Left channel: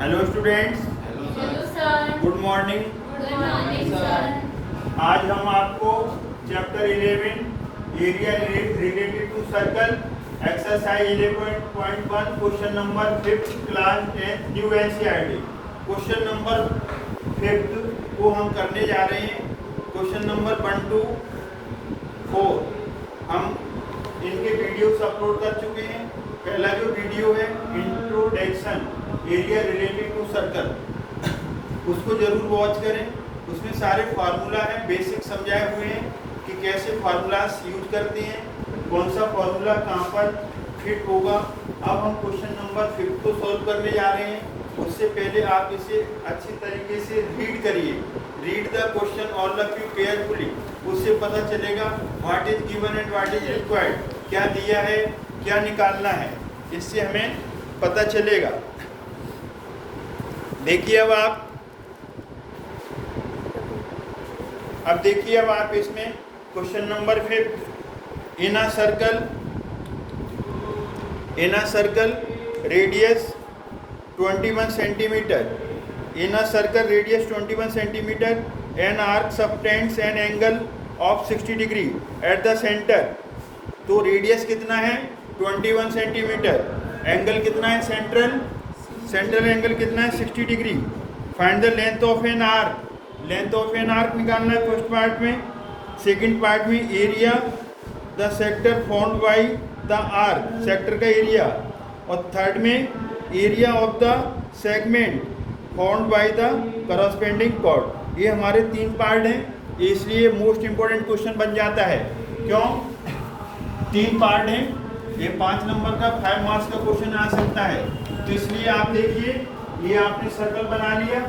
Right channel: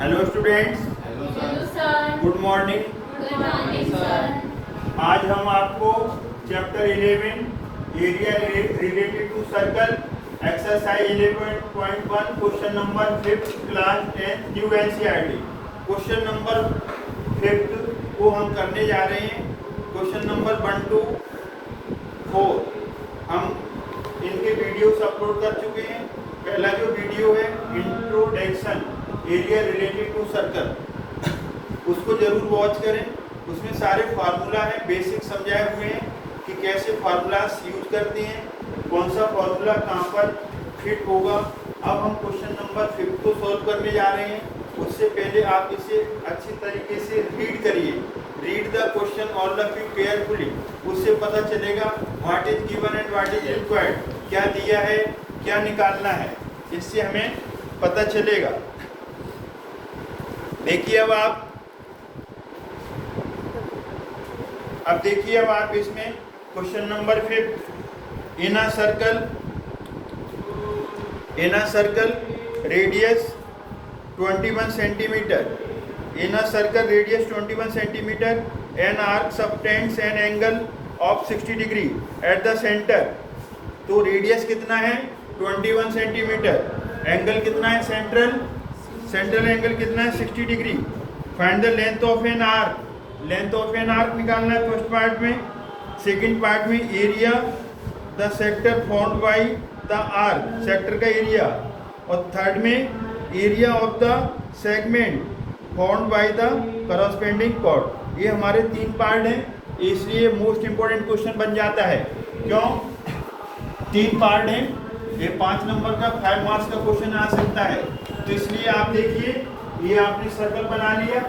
Hello students, hello sir. Good morning. Good morning sir. आज हम आपको chapter 11 area related to circle exercise 11.1 question number 5 class 10 new NCERT question number 5 को हम करने जा रहे हैं। क्वेश्चन नंबर 1 to 4 हम इनके वीडियोस अपलोड कर चुके हैं। पहला जो वीडियो है introduction area related to circle, उसको जरूर वॉच करें। उसमें सारे फार्मूला है, बेसिक समझाए हुए हैं कि कैसे फार्मूलास यूज करते हैं, कौन सा फार्मूला कहाँ पर फिट होगा। अब हम क्वेश्चन नंबर 5 को सॉल्व करने जा रहे हैं। उससे पहले आप इसे अच्छी तरीके से रीड करिए। Read the question all of you carefully. उससे पता चलेगा what is given and what is required, क्या दिया है, क्या निकालना है, इससे हमें पता चलेगा। देखिए अब देखिए अब आप इसमें question number 5 in a circle radius 21 centimetre, in a circle radius 21 centimetre an arc subtends an angle of 60 degree at the centre. तो रेडियस कितना है 21 सेंटीमीटर, एंगल कितना है सेंट्रल एंगल कितना है 60 degree. Find the length of an arc, length of an arc निकालना है first part में। सेकंड पार्ट में area the sector formed by the arc, sector का एरिया। और थर्ड में area of the segment formed by the corresponding chord. ये हमारे 3 part हैं, इसलिए मोस्ट इंपॉर्टेंट क्वेश्चन बन जाता है। क्यों 3 पार्ट हैं, ये 5 नंबर का 5 मार्क्स का क्वेश्चन आ सकता है। तो इसलिए आप देखिए, ये आपने सर्कल बना लिया,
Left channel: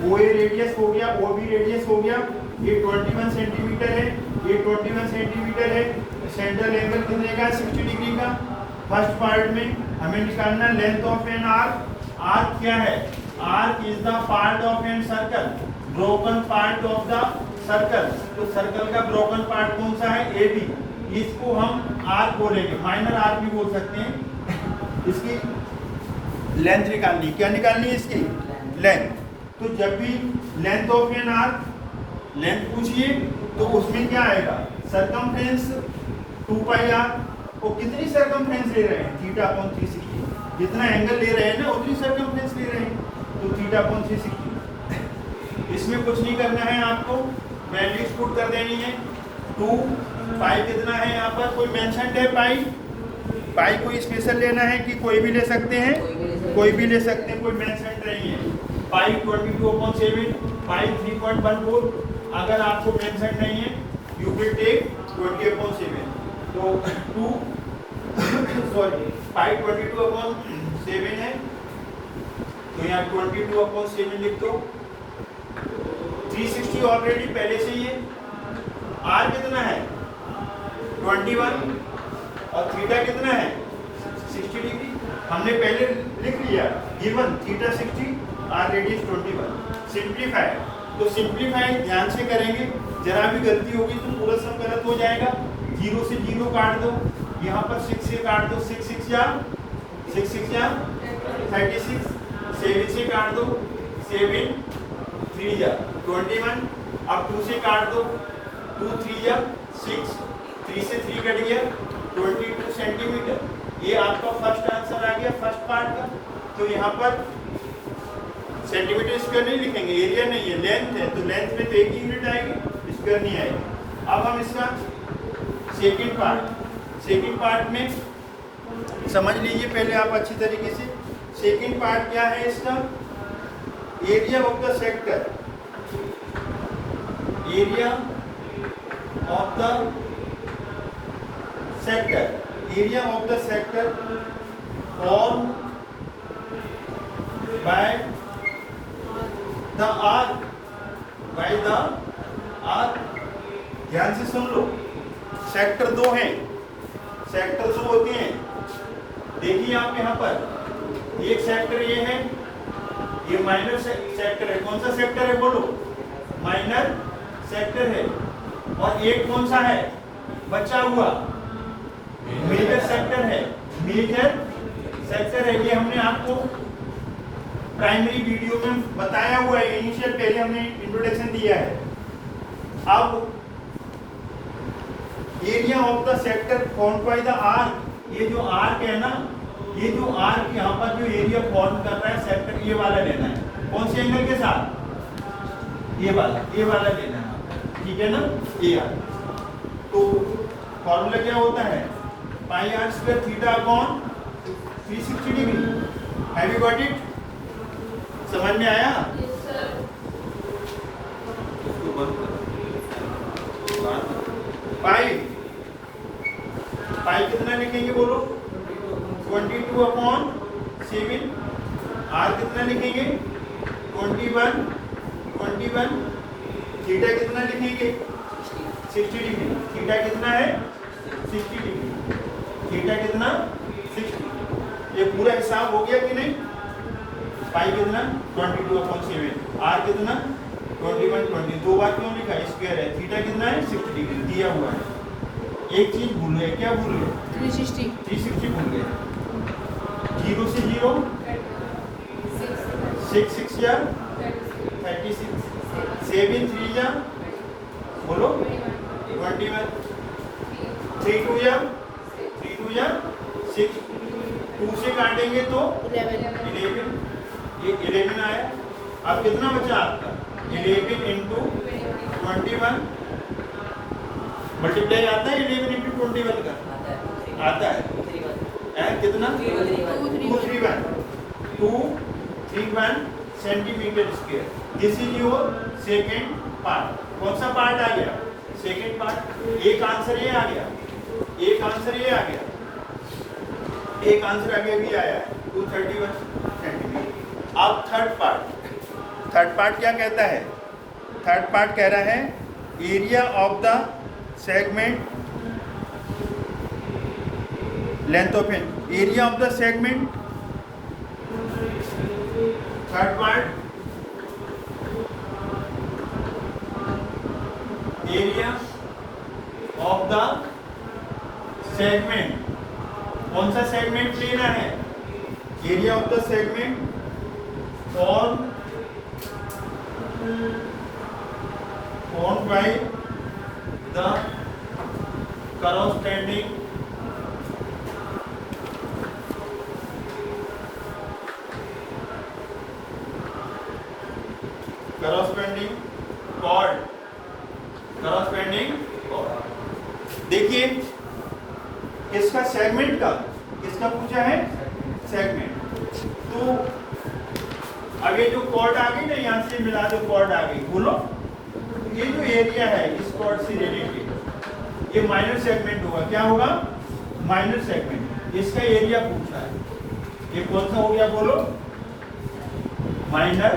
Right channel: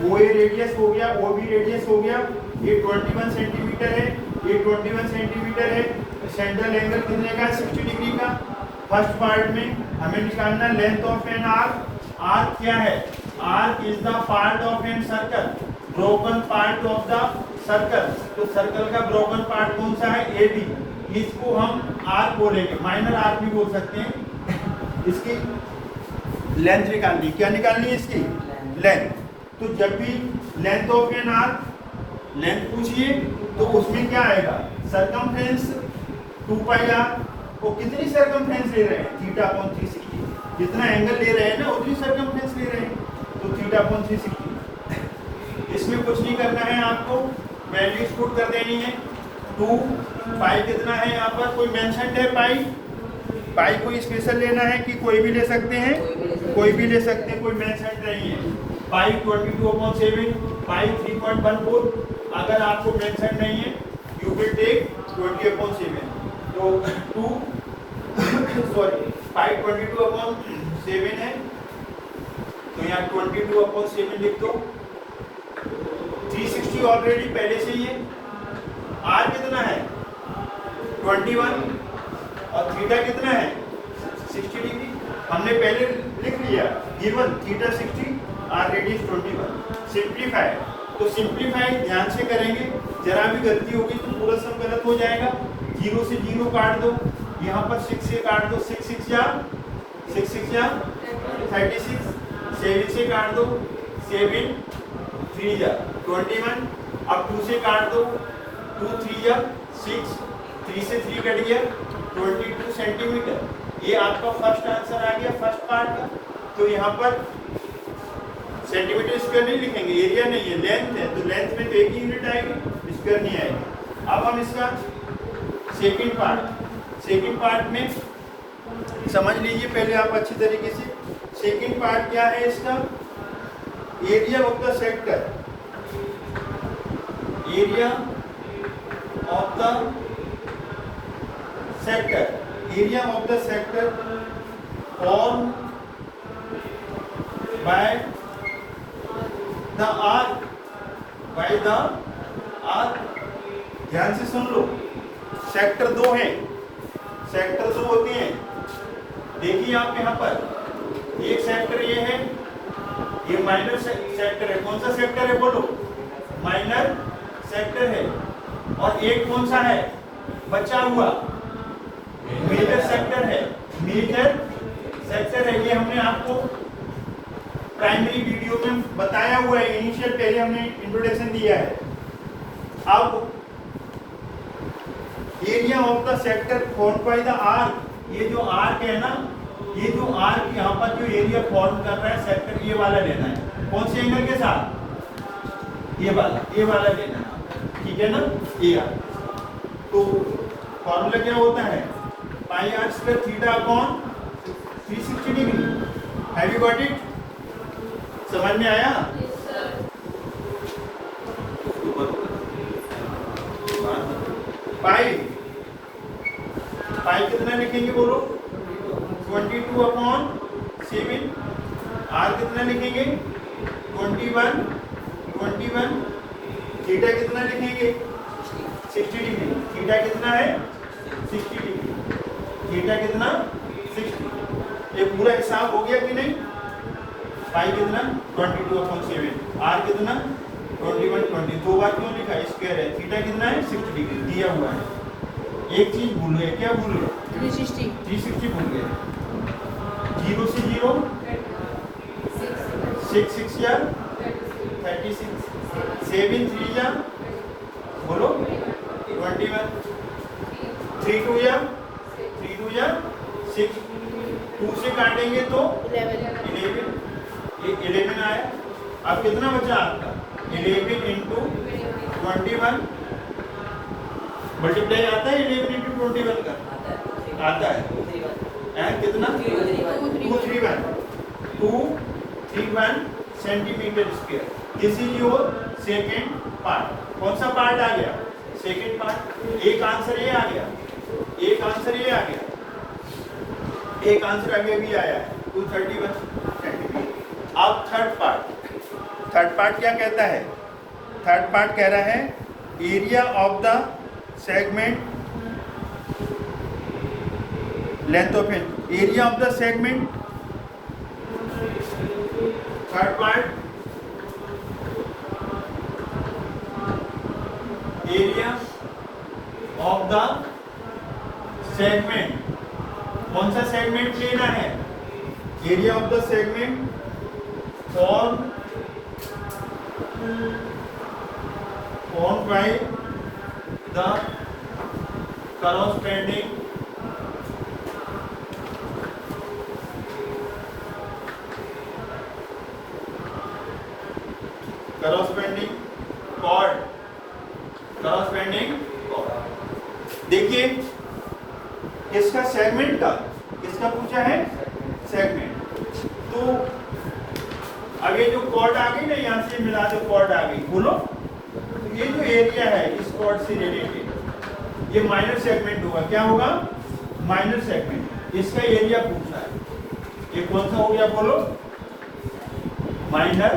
वो ए रेडियस हो गया, ओ बी रेडियस हो गया, ये 21 सेंटीमीटर है, ये 21 सेंटीमीटर है। सेंट्रल एंगल कितने का 60 डिग्री का। फर्स्ट पार्ट में हमें निकालना length of an arc. Arc क्या है, arc is the part of an circle, broken part of the circle. तो सर्कल का ब्रोकन पार्ट कौन सा है, ए बी। इसको हम आर्क बोलेंगे, माइनर आर्क भी बोल सकते हैं। इसकी लेंथ निकालनी, क्या निकालनी है इसकी लेंथ। तो जब भी length of an arc length पूछिए तो उसमें क्या आएगा सरकमफ्रेंस 2 पाई आर। वो कितनी सरकमफ्रेंस ले रहे हैं θ/360, जितना एंगल ले रहे हैं ना उतनी सरकमफ्रेंस ले रहे हैं, तो θ/360। इसमें कुछ नहीं करना है आपको, वैल्यूज पुट कर देनी है। 2 पाई कितना है यहाँ पर, कोई मेंशन है पाई कोई स्पेशल लेना है कि कोई भी ले सकते हैं, कोई भी ले सकते हैं, कोई मेंशन नहीं है। पाई 22/7, पाई 3.14। अगर आपको मेंशन नहीं है यू विल टेक 20/7। तो 2 सॉरी पाई 22/7 है, तो यहाँ 22/7 लिख दो। 360 ऑलरेडी पहले से ही है। आर कितना है 21 और थीटा कितना है 60 डिग्री, हमने पहले लिख लिया। Given theta 60, R radius 21। Simplify, तो सिंप्लीफाई ध्यान से करेंगे, जरा भी गलती होगी तो पूरा सब गलत हो जाएगा। 0 से 0 काट दो, यहाँ पर 6 से काट दो, 6 6 जा 36, 7 से काट दो, 7 3 जा 21। अब 2 से काट दो, 2 3 जा 6, 3 से 3 कट गया 22 सेंटीमीटर। ये आपका फर्स्ट आंसर आ गया फर्स्ट पार्ट का। तो यहाँ पर सेंटीमीटर स्क्वायर नहीं लिखेंगे, एरिया नहीं है, लेंथ है, तो लेंथ में तो एक ही यूनिट आएगी, स्क्वायर नहीं आएगा। अब हम इसका सेकंड पार्ट में समझ लीजिए पहले आप अच्छी तरीके से। सेकंड पार्ट क्या है इसका, area of the sector, area of the sector formed by the arc। ध्यान से सुन लो, सेक्टर 2 है, सेक्टर 2 होते हैं। देखिए आप यहाँ पर एक सेक्टर ये है, ये माइनर सेक्टर है। कौन सा सेक्टर है बोलो, माइनर सेक्टर है। और एक कौन सा है बचा हुआ, मेजर सेक्टर है। मेजर सेक्टर है, ये हमने आपको प्राइमरी वीडियो में बताया हुआ है, इनिशियल पहले हमने इंट्रोडक्शन दिया है। अब area of the sector form by the arc, ये जो आर्क है ना, ये जो आर्क यहाँ पर जो एरिया फॉर्म कर रहा है सेक्टर, ये वाला लेना है। कौन से एंगल के साथ? ये वाला लेना है, ठीक है ना। ये तो फॉर्मूला क्या होता है? Pi r square theta upon 360 degree. Have you got it? समझ में आया? पाई कितना लिखेंगे बोलो? 22 अपॉन 7। आर कितना लिखेंगे? 21। थीटा कितना लिखेंगे? 60 डिग्री। थीटा कितना है? 60 डिग्री। थीटा कितना? 60। ये पूरा हिसाब हो गया कि नहीं? पाई कितना? 22 अपॉन 7। आर कितना? 21। दो बार क्यों लिखा? स्क्वायर है। थीटा कितना है? 60 डिग्री दिया हुआ है। एक चीज भूल गए, क्या भूल गए? 360 भूल गए। 0 से 0 6 या 36, 7 3 या बोलो 21, 3 2 या 6, 2 से काटेंगे तो 11, ये 11 आया। अब कितना बचा आपका? 11 इंटू 21 मल्टीप्लाई आता है। 11 इंटू 21 का आता है कितना? 231 centimetre square. This is your second part. कौन सा पार्ट आ गया? Second part. एक आंसर ये आ गया, एक आंसर ये आ गया, एक आंसर आगे भी आया 231 सेंटीमीटर। अब थर्ड पार्ट क्या कहता है? थर्ड पार्ट कह रहा है area of the segment, length of area of the segment. Third part area of the segment. कौन सा सेगमेंट लेना है? Area of the segment form by the corresponding chord। देखिए किसका? सेगमेंट का। किसका पूछा है? सेगमेंट। तो अब ये जो कॉर्ड आ गई ना, यहाँ से मिला दो, कॉर्ड आ गई। बोलो ये जो एरिया है इस कॉर्ड से रिलेटेड, ये माइनर सेगमेंट होगा। क्या होगा? Minor segment. इसका एरिया पूछा है। ये कौन सा हो गया? बोलो माइनर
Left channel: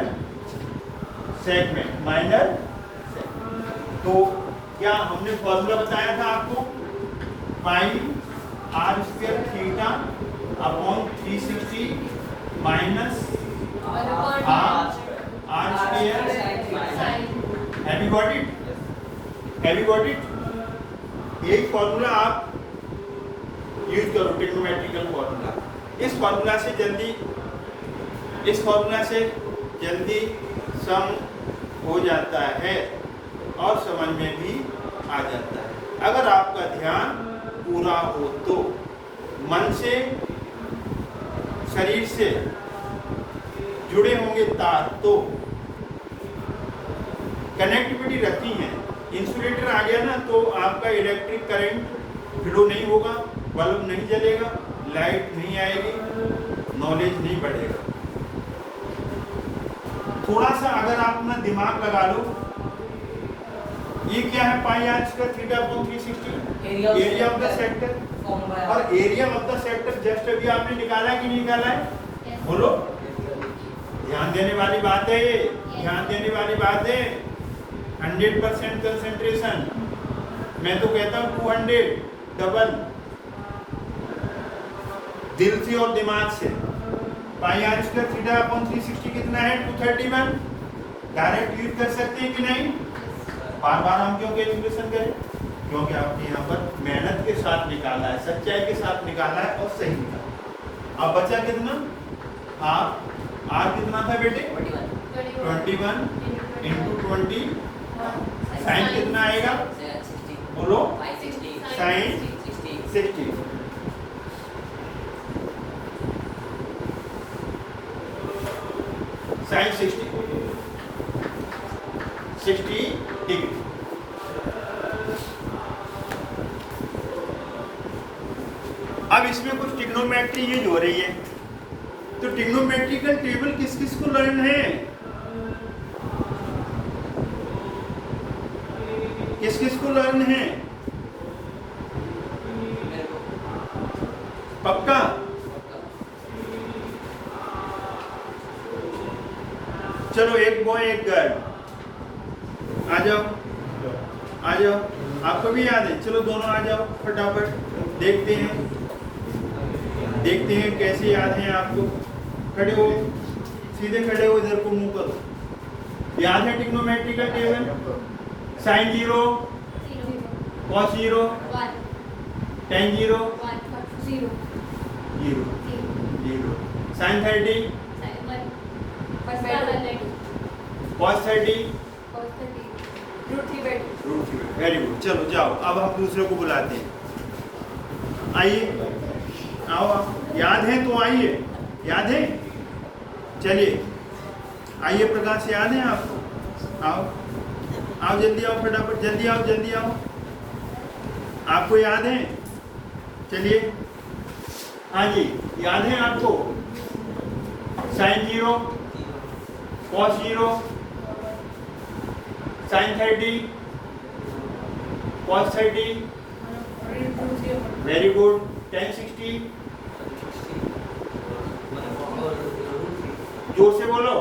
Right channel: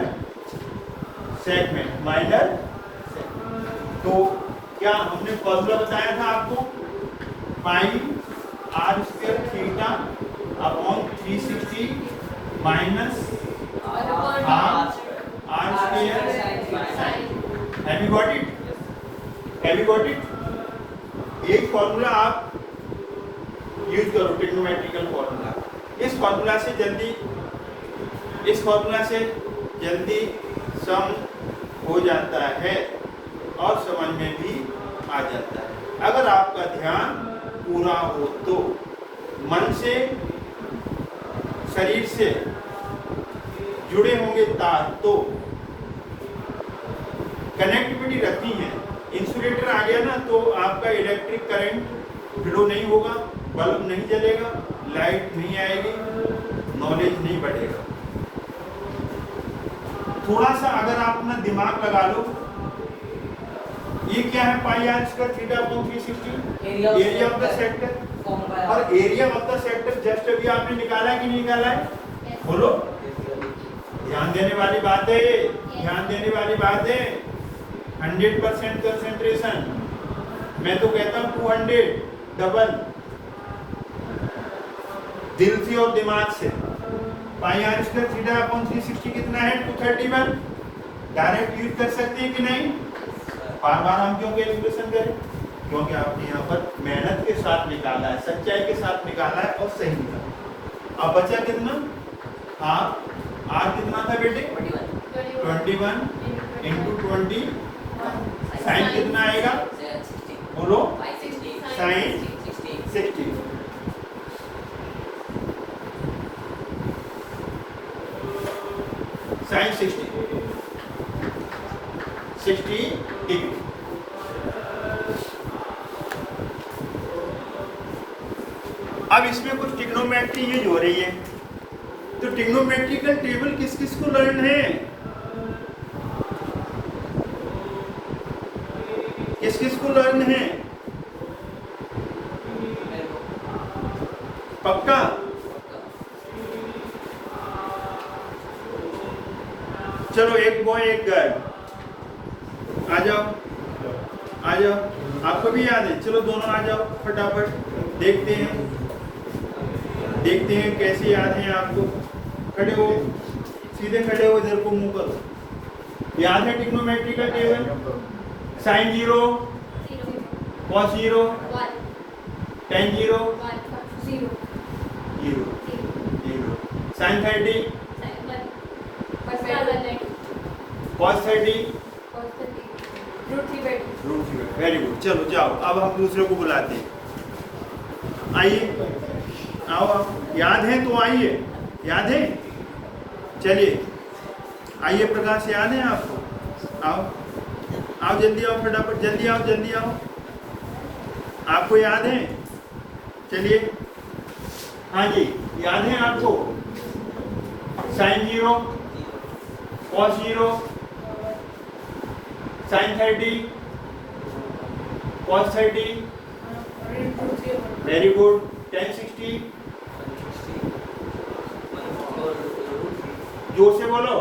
सेगमेंट। Minor segment. तो क्या हमने फॉर्मूला बताया था आपको? Pi r square theta upon 360 minus r square. Have you got it? Have you got it? एक फॉर्मूला आप यूज करो, ट्रिग्नोमेट्रिकल फॉर्मूला। इस फॉर्मूला से जल्दी सम हो जाता है और समझ में भी आ जाता है। अगर आपका ध्यान पूरा हो तो, मन से शरीर से जुड़े होंगे तार, तो कनेक्टिविटी रखनी है। इंसुलेटर आ गया ना तो आपका इलेक्ट्रिक करंट फ्लो नहीं होगा, बल्ब नहीं जलेगा, लाइट नहीं आएगी, नॉलेज नहीं बढ़ेगा। थोड़ा सा अगर आप अपना दिमाग लगा लो, ये क्या है? Pi r square theta upon 360 area of the sector. और area of the sector just अभी आपने निकाला कि नहीं निकाला है? बोलो। ध्यान देने वाली बात है, ध्यान देने वाली बात है। 100% कंसंट्रेशन। मैं तो कहता हूँ 200 डबल, दिल से और दिमाग से। पाई आर स्क्वायर थीटा अपॉन 360 कितना है? 231। डायरेक्ट यूज कर सकते हैं कि नहीं? बार बार हम क्यों कैलकुलेशन करें? क्योंकि आपने यहाँ पर मेहनत के साथ निकाला है, सच्चाई के साथ निकाला है और सही निकाला। अब बचा कितना? हाफ। आर कितना था बेटे? 21 इंटू 20 साइन कितना आएगा? बोलो। साइन 60। Sine 60 degree. अब इसमें कुछ ट्रिग्नोमेट्री यूज हो रही है, तो ट्रिग्नोमेट्रिकल टेबल किस किस को लर्न है? किस किस को लर्न है? पक्का? चलो एक बॉय एक गर्ल, आ जाओ आ जाओ, आपको भी याद है? चलो दोनों आ जाओ फटाफट, देखते हैं कैसे याद है आपको। खड़े हो, सीधे खड़े हो, इधर को मुंह करो। याद है trigonometrical table? Sine 0, cos 0, tan 0, 0, sine 30, cos 30, very good. चलो जाओ, अब हम दूसरे को बुलाते हैं। आइए, आओ, याद है तो आइए, याद है? चलिए आइए, प्रकाश याद है आपको? आओ आओ, जल्दी आओ, फटाफट जल्दी आओ, जल्दी आओ। आपको याद है? चलिए, हाँ जी, याद है आपको? Sine 0, cos 0, sine 30, cos 30, very good. tan 60, जोर से बोलो।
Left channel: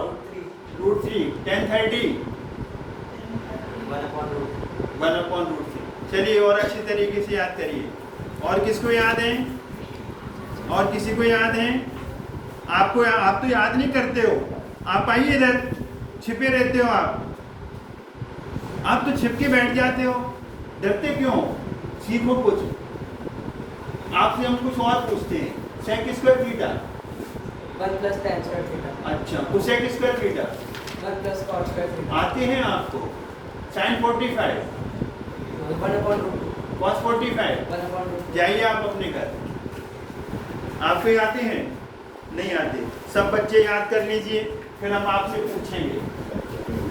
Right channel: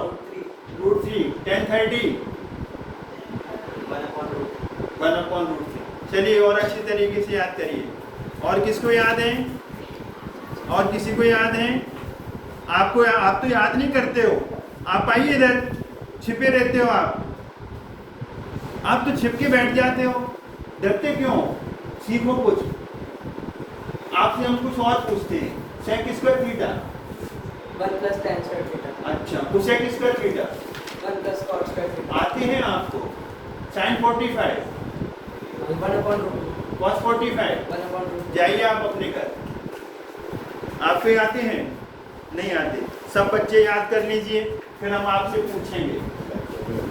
√3, tan 30, 1/√3। चलिए और अच्छी तरीके से याद करिए। और किसको याद है? और किसी को याद है? आपको आप तो याद नहीं करते हो। आप आइए इधर, छिपे रहते हो आप तो छिप के बैठ जाते हो। डरते क्यों? सीखो कुछ। आपसे हम कुछ और पूछते हैं। Sec square theta 1 + tan square theta. अच्छा, cosec square theta 1 + cot square theta. आते हैं आपको? साइन 45, 1/√2। कॉस 45। 1/√2। जाइए आप अपने घर। आपको ये आते हैं? नहीं आते। सब बच्चे याद कर लीजिए, फिर हम आपसे पूछेंगे।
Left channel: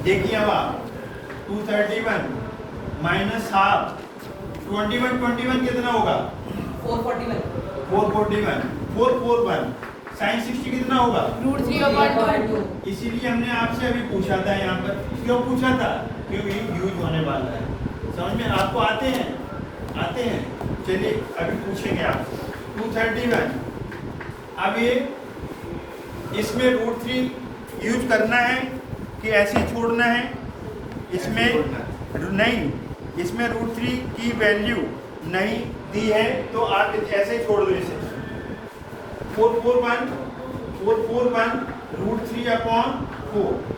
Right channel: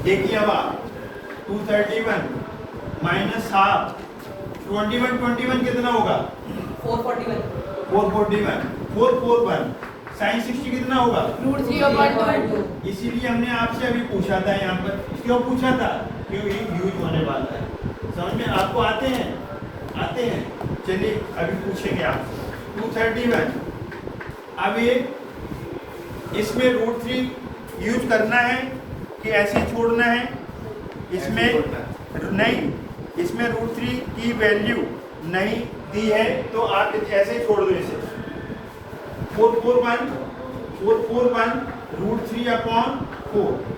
देखिए अब आप 231 माइनस हाफ 21 कितना होगा? 441। 441 साइन 60 कितना होगा? √3/2। इसीलिए हमने आपसे अभी पूछा था यहाँ पर। क्यों पूछा था? क्योंकि ये यूज होने वाला है। समझ में आपको आते हैं? आते हैं। चलिए अभी पूछेंगे आपसे। 231, अब ये इसमें √3 यूज करना है कि ऐसे ही छोड़ना है? इसमें नहीं, इसमें √3 की वैल्यू नहीं दी है, तो आप ऐसे छोड़ दो इसे। 441 √3/4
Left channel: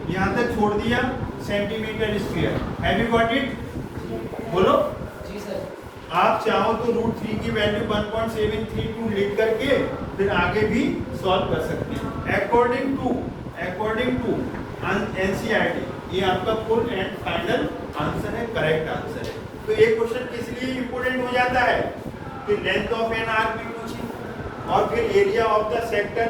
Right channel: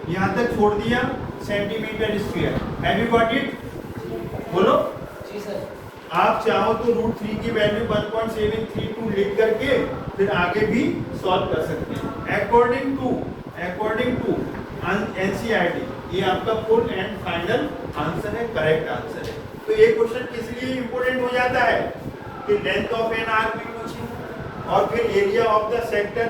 यहाँ तक छोड़ दिया, centimetre square. Have you got it? बोलो। जी सर। आप चाहो तो √3 की वैल्यू 1.732 लिख करके फिर आगे भी सॉल्व कर सकते हैं। अकॉर्डिंग टू NCERT, ये आपका फुल एंड फाइनल आंसर है, करेक्ट आंसर है। तो ये क्वेश्चन किस लिए इंपोर्टेंट हो जाता है कि लेंथ ऑफ एन आर्क भी पूछी, और फिर एरिया ऑफ द सेक्टर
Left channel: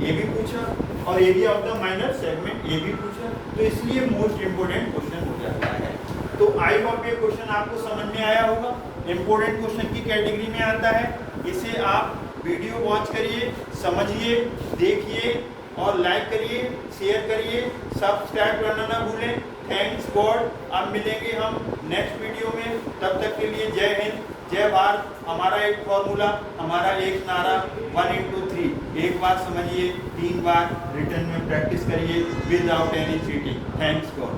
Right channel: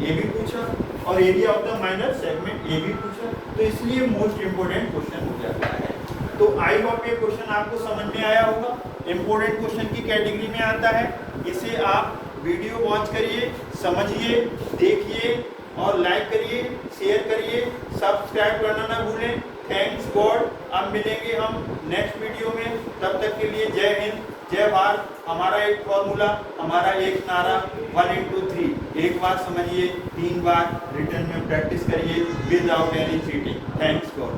ये भी पूछा, और area of the minor segment ये भी पूछा। तो इसलिए मोस्ट इंपोर्टेंट क्वेश्चन हो जाता है। तो आई होप ये क्वेश्चन आपको समझ में आया होगा। इंपोर्टेंट क्वेश्चन की कैटेगरी में आता है। इसे आप वीडियो वॉच करिए, समझिए, देखिए और लाइक करिए, शेयर करिए, सब्सक्राइब करना ना भूलें। Thanks God. अब मिलेंगे हम नेक्स्ट वीडियो में। तब तक के लिए जय हिंद, जय भारत। हमारा एक फॉर्मूला, हमारा एक नारा 1 × 3। एक बार समझिए, 3 बार रिटर्न में प्रैक्टिस करिए without any cheating. Thanks God.